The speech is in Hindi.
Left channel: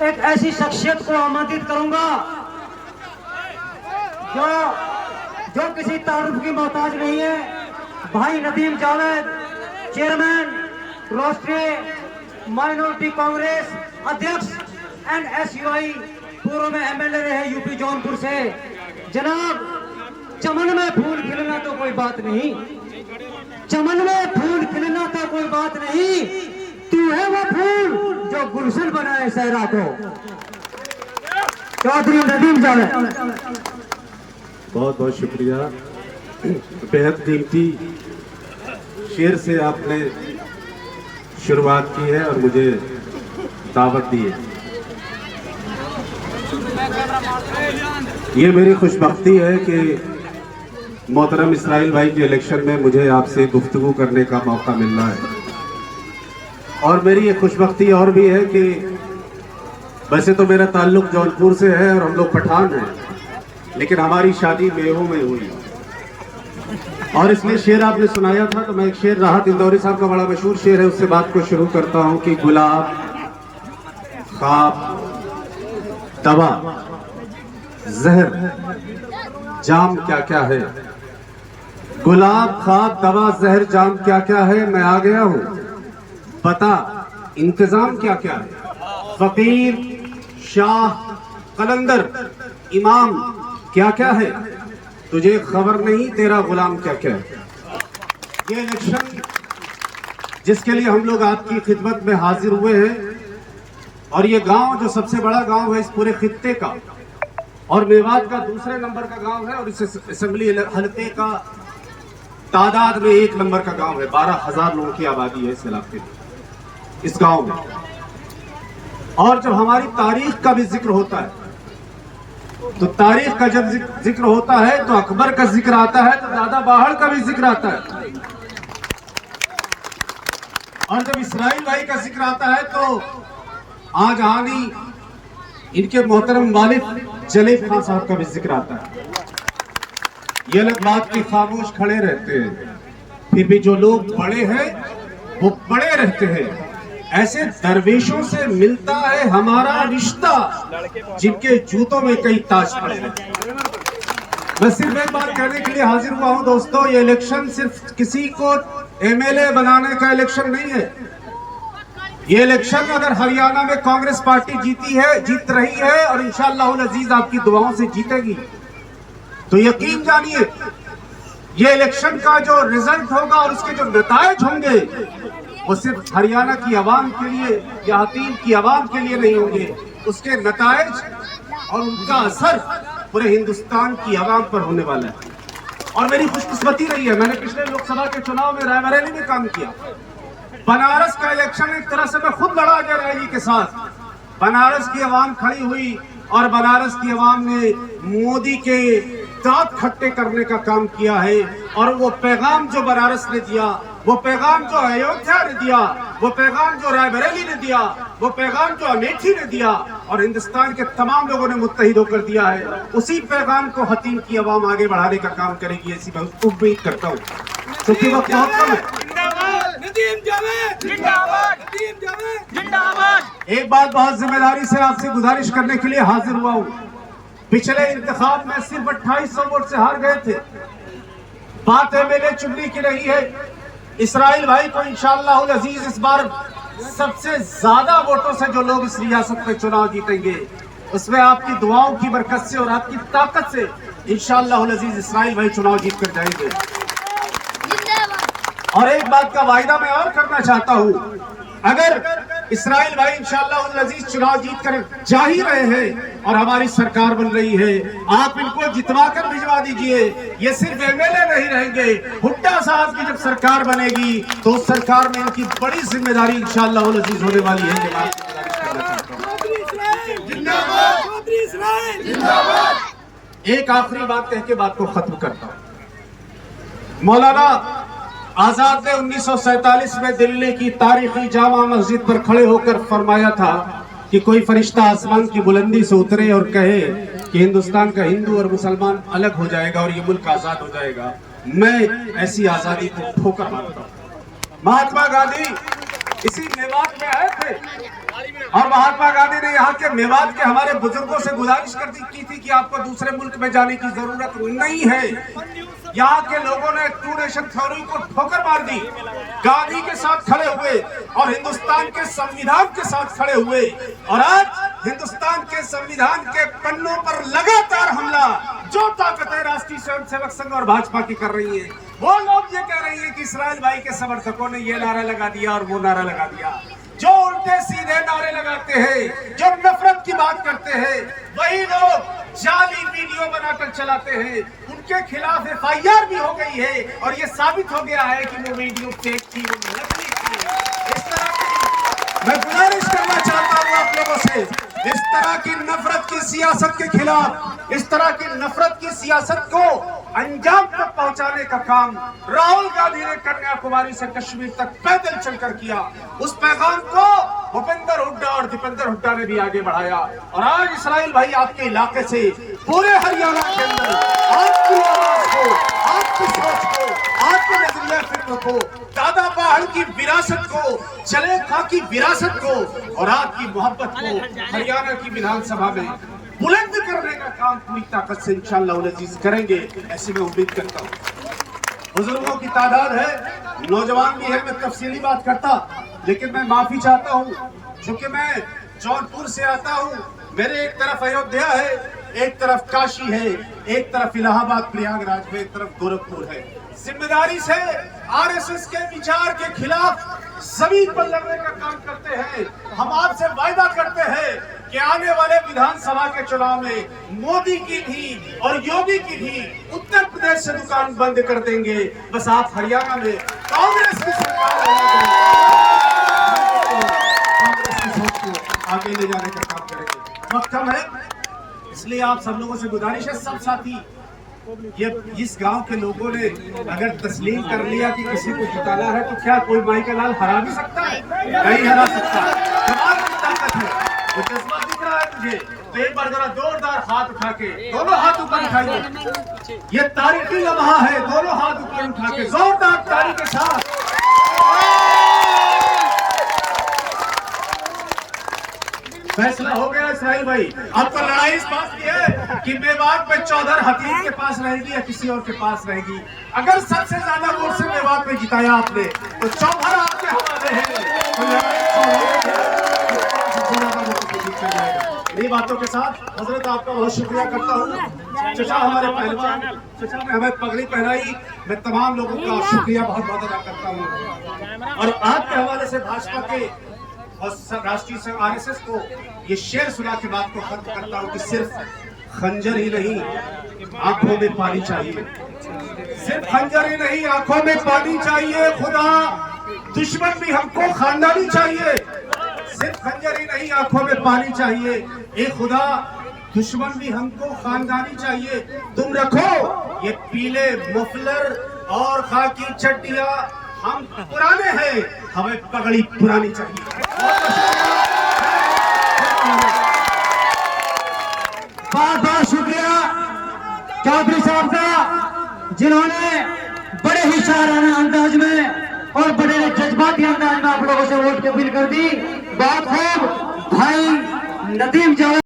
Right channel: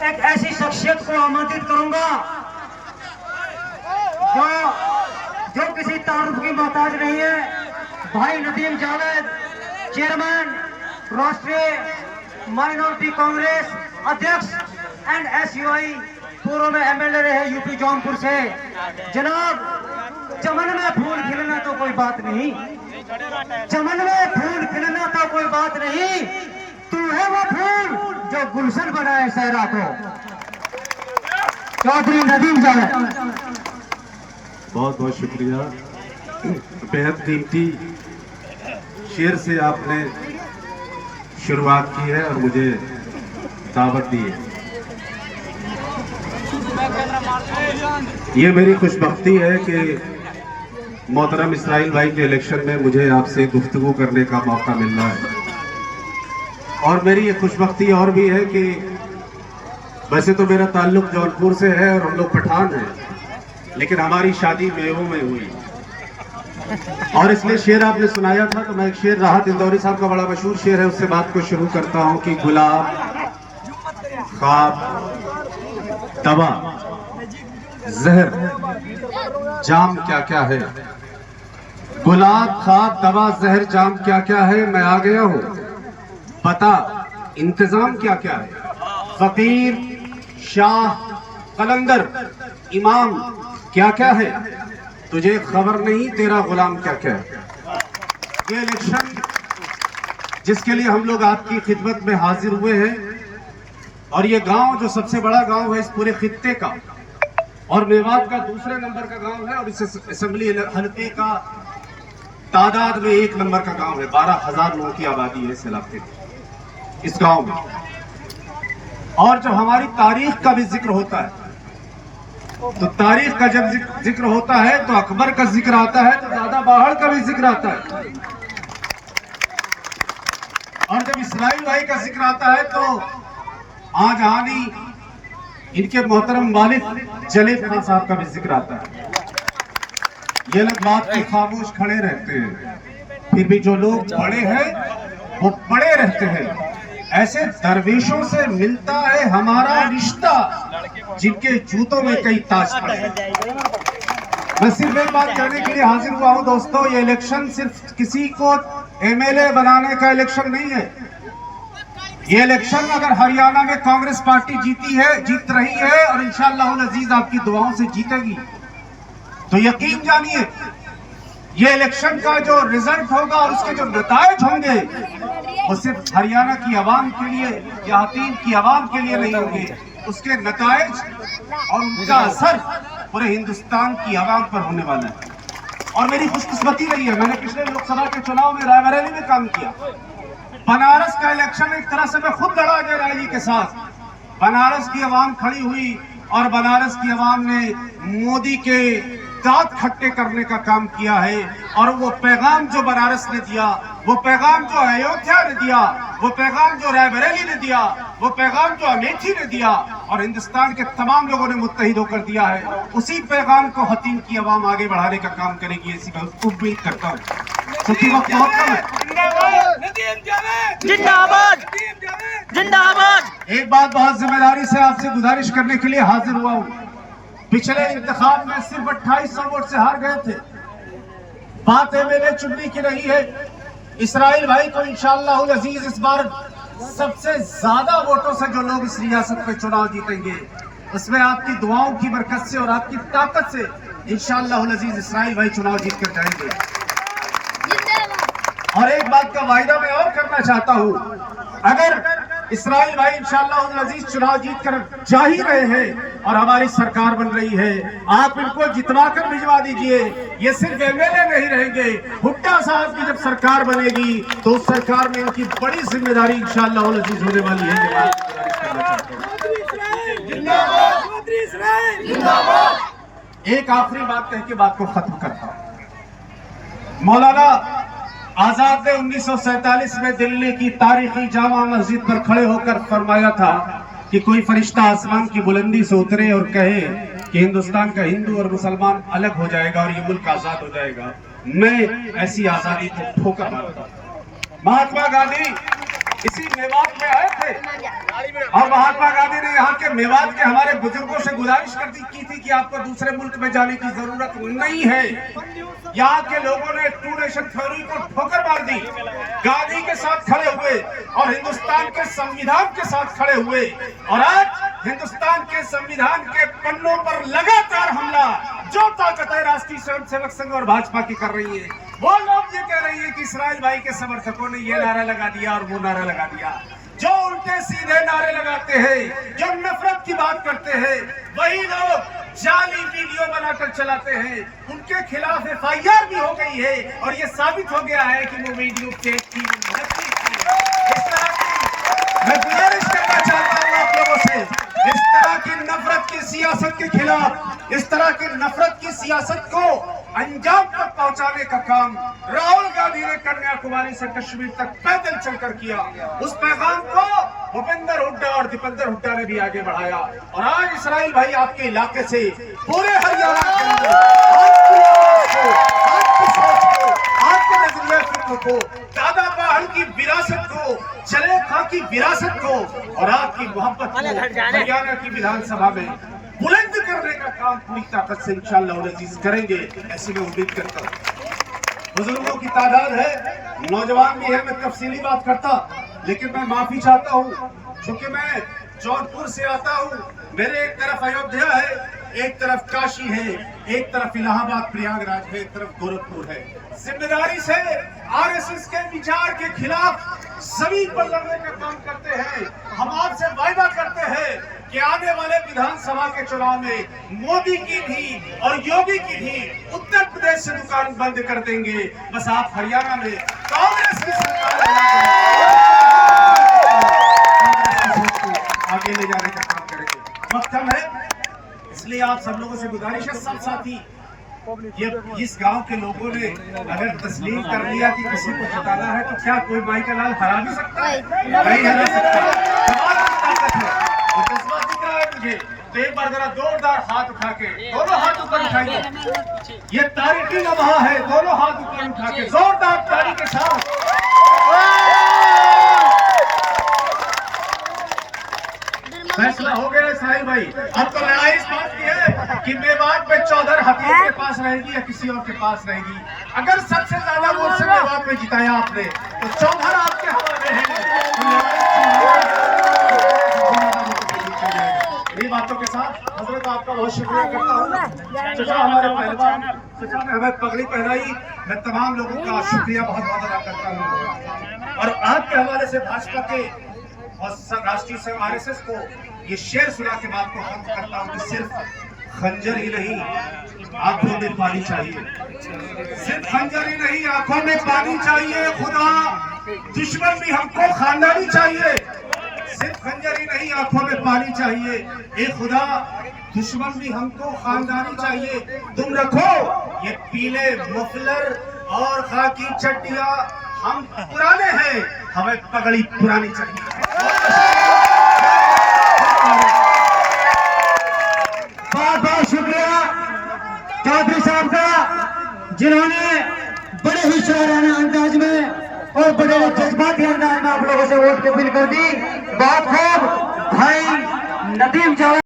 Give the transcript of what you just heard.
एक ऐसी शख्सियत को आमंत्रित करूंगा जो किसी तारुफ की मोहताज नहीं है। भाई नदीम जावेद, चेयरमैन राष्ट्रीय माइनॉरिटी कांग्रेस अध्यक्ष एंड SUI, पूर्व में MLA रहे यूपी जौनपुर से। जनाब, चमन में फूल खिलना तो कोई बात नहीं, चमन में फूल खिलना तो कोई बात नहीं, तू है वो फूल जो गुलशन बनाए सहरा को। चौधरी नदीम जावेद। बहुत बहुत शुक्रिया। बेहद कीमती शेर से आपने शुरुआत की है और मुझे दावत दी है। ये मेरी खुशबख्ती है कि मोहतरम इसराइल भाई के इलेक्शन में मुझे आपसे गुफ्तगू करने का मौका मिल रहा है। और मेरी ये खुशबख्ती और भी है कि वैसे तो मेरा ताल्लुक जौनपुर से है और हम लोग पठान हैं, लेकिन हमारी शादी मेवों में हुई। और इसलिए शेर आपने सुनाया था तो मैं एक शेर राहत इंदौरी साहब का बड़ा मशहूर शेर है, उससे बात को शुरू करता हूं कि गुलाब ख्वाब दवा जहर जाम क्या क्या है, गुलाब ख्वाब दवा जहर जाम क्या क्या है, मैं आ गया हूं पता इंतजाम क्या क्या है। फकीर शाह कलंदर इमाम क्या क्या है, तुझे खबर नहीं तेरा गुलाम क्या क्या है। ये इलेक्शन जिसके लिए हम लोग आपकी खिदमत में हाजिर हुए हैं, और ये गांव जो सबसे बड़ा गांव है इस पूरे खित्ते का और मेवात का दूसरे नंबर का गांव है, और इस असेंबली हल्के का तादाद में 1 नंबर का गांव है। 12,000 लोगों की आबादी है इस इलाके में, इस गांव में। और जब हमारी तारीख का भी जिक्र होता है तो तारीख का जब जिक्र होता है तो अकबर का जिक्र आता है, तो दादा बाहड़ का भी जिक्र आता है। और जब इसराइल भाई का जिक्र आता है तो आज आनी इनके मोहतरम वालिद जलील खान साहब का भी जिक्र आता है। ये लोग बात के खामोश खड़े रहते हैं, फिर भी जो लोग बड़े हैं वो बड़े रहते हैं। ऐसे दरवेशों से मिलता है हमारा रिश्ता जिनके जूतों में कई ताज पड़े हैं। मैं सिर्फ एक बात कहने के लिए हाजिर हुआ हूं दोस्तों, ये इलेक्शन सिर्फ किसी को MLA बनाने का इलेक्शन नहीं है। ये इलेक्शन अगर हरियाणा में कांग्रेस पार्टी जीत रही है और इंशाअल्लाह अजीज आपकी दुआओं से जीतेगी, तो यकीन जानिए ये इलेक्शन का जो रिजल्ट होगा और उसके जो नतायज होंगे वो सिर्फ हरियाणा की आवाम के लिए या हकीम की आवाम के लिए नहीं होंगे, उसके नतायज और उनका असर पूरे हिंदुस्तान की आवाम पर होने वाला है। और मेरी खुशकिस्मती रही है, मैंने पिछले लोकसभा के चुनाव में रायबरेली में काम किया। बनारस का इलेक्शन एक तरह से मैं खुद लड़ा जयराली के साथ। बनारस की आवाम खड़ी हुई और बनारस की आवाम ने मोदी के दांत खट्टे करने का काम किया है। और वो पैगाम जो बनारस ने दिया, वो पैगाम जो अयोध्या ने दिया, वो पैगाम जो रायबरेली ने दिया, वो पैगाम जो अमेठी ने दिया और हिंदुस्तान के तमाम लोगों ने मुत्तहिद होकर दिया है, उसी पैगाम को हतीम की आवाम आगे बढ़ाने का काम करेगी, ऐसी मैं उम्मीद करता हूँ, क्योंकि वक्त बहुत कम है। एक बात बहुत जिम्मेदारी से आपसे गुजारिश करने के लिए हाजिर हुआ हूँ। पिछले इंतखाब में सिर्फ 2800 वोट से हार गए थे। बात MLA चुनने की रही है। इसराइल भाई को इंशाअल्लाह अजीज इस बार सबसे ज्यादा वोटों से जो लोग इस रियासत में चुनाव जीतेंगे, उसमें आपकी दुआओं की बरकत से और आपकी ताकत से इंशाअल्लाह अजीज इसराइल भाई चुनाव जीत कर जाएंगे। और एक बात का वायदा मैं और करना चाहता हूँ, अगर इसराइल भाई इंशाअल्लाह अजीज चुनाव जीत कर जा ही रहे हैं और हमारी सरकार बन रही है, आप इनको जितवा कर भिजवा दीजिए। ये सिर्फ MLA नहीं रहेंगे, हुड्डा साहब की जब सरकार बनेगी तो उस सरकार में इनकी बड़ी जिम्मेदारी इंशाअल्लाह अजीज होने वाली है। एक आखिरी बात कह के बात को खत्म करता हूं। मौलाना आजाद ने 1947 में दिल्ली की तारीखी जामा मस्जिद पर खड़े होकर फरमाया था कि कोई फरिश्ता आसमान की बुलंदी से उतरे और कहे कि हिंदुस्तान का हिंदू और मुसलमान अलग हो जाएगा और ये मुल्क आजाद हो जाएगा। मैं ऐसी आजादी को ठोकर मारता हूं। महात्मा गांधी इसी मेवात में आए थे और महात्मा गांधी ने यहाँ के मेवात के हमारे बुजुर्गों से गुजारिश की थी कि आपको दूसरे मुल्क में जाने की जरूरत नहीं है। यहाँ के लोगों ने टू नेशन थ्योरी को ठोकर मार दी, गांधी के साथ खड़े हुए और हिंदुस्तान के संविधान के साथ खड़े हुए, और आज हिंदुस्तान के संविधान के पन्नों पर लगातार हमला जो ताकतें राष्ट्रीय स्वयंसेवक संघ और भाजपा की कर रही है, वो लोग ये कह रही है कि इसराइल भाई के समर्थकों ने ये नारा लगा दिया और वो नारा लगा दिया। जो उल्टे सीधे नारे लगाते हैं, जो नफरत की बात करते हैं, वही लोग जाली वीडियो बनाकर चलाते हैं। उनके खिलाफ FIR भी हो गई है और ये साबित हो गया है कि वो वीडियो फेक थी, नकली थी। इस तरह की मैं गुजारिश करना चाहता हूँ आप लोगों से, इस तरह की नफरत की सियासत के खिलाफ, इस तरह की नफरत की सियासत को अंजाम तक पहुंचाने का काम राहुल गांधी ने कन्याकुमारी से कश्मीर तक पैदल चलकर किया। उस पैगाम को भूपेंद्र हुड्डा और दीपेंद्र हुड्डा ने भी आगे बढ़ाया, और आज इसराइल भाई आपके इलाके से पूरे हरियाणा के अंदर आपकी आवाज को, आपकी सोच को, आपके नजरिया फिक्र को, दादा पहाड़ की विरासत को, जलेखा की विरासत को और आपकी मोहब्बत को हरियाणा की विधानसभा में बुलंद करने का काम पूरी ताकत से इंशाअल्लाह अज़ीज करेंगे, ऐसी मैं उम्मीद करता हूँ। बुजुर्गों की तादाद है, नौजवान भी है, मैं तफसीली बात करता, लेकिन मैं माफी चाहता हूँ क्योंकि मैं जौनपुर से आता हूँ। मेरे एक तरफ अयोध्या है, एक तरफ काशी है, एक तरफ इलाहाबाद प्रयागराज है, एक तरफ गोरखपुर है। जिम्मेदारी से RSS के विचार के खिलाफ जमीन पर लड़ने का काम करते हैं। हम आपसे वायदा करते हैं कि आने वाले विधानसभा के चुनाव में मोदी की भी और योगी की भी उत्तर प्रदेश से दुकान बंद कर देंगे। बस आप हरियाणा में कांग्रेस की सरकार कांग्रेस की सोच को आगे ले जाने का काम करेंगे। वक्त कम है, इसलिए आप सब लोगों से गुजारिश है, सब साथी, ये इस गांव के लोगों ने अगर तस्लीम कर लिया कि किसी को जिताना है तो क्या कोई माई का लाल हरा भी सकता है? नहीं हरा सकता। ताकत है, तो जज्बा दिख रहा है मुझे। तो एक बार जरा जोरदार हाथ उठा के, दोनों हाथ ऊपर उठाइए, ये तारीखी लम्हा है, दोनों हाथ ऊपर उठा के जोरदार ताली के साथ। फैसला हो गया इसराइल भाई, अब तो लड़ाई इस बात की है कि मेवात में चौधर हकीम के पास रहेगी या किसी और के पास रहेगी। अगर सबसे ज्यादा वोट से मेवात में जिताया आपने तो चौधर आपके हवाले है। ये बातों के साथ हजरत आपका बहुत शुक्रिया करता हूँ। चचा हमारे पहलवान, चचा ने हमें पगड़ी पहनाई, मैं तमाम लोगों का शुक्रिया बहुत बहुत अदा करता हूँ। और आज के हवाले से भाजपा के और राष्ट्रीय संघ RSS को ये शेर सुना के बात को खत्म करता हूँ कि सिर्फ खंजर ही नहीं आंखों में पानी चाहिए, सिर्फ खंजर ही नहीं आंखों में पानी चाहिए। खुदा दुश्मन भी हमको खानदानी चाहिए, सिर्फ खंजर ही नहीं आंखों में पानी चाहिए। ए खुदा दुश्मन भी हमको खानदानी चाहिए। तुम रखो ये पीले मफलर और खाकी चड्डियां, हम पुराने हैं, हमें पगड़ी पुरानी चाहिए। बहुत बहुत शुक्रिया चौधरी साहब का, जिन्होंने बड़े ही शायराना अंदाज में और बड़े जज्बाती अंदाज में आप लोगों से वोट की अपील कर दी। बहुत खूब भाई नदीम जावेद।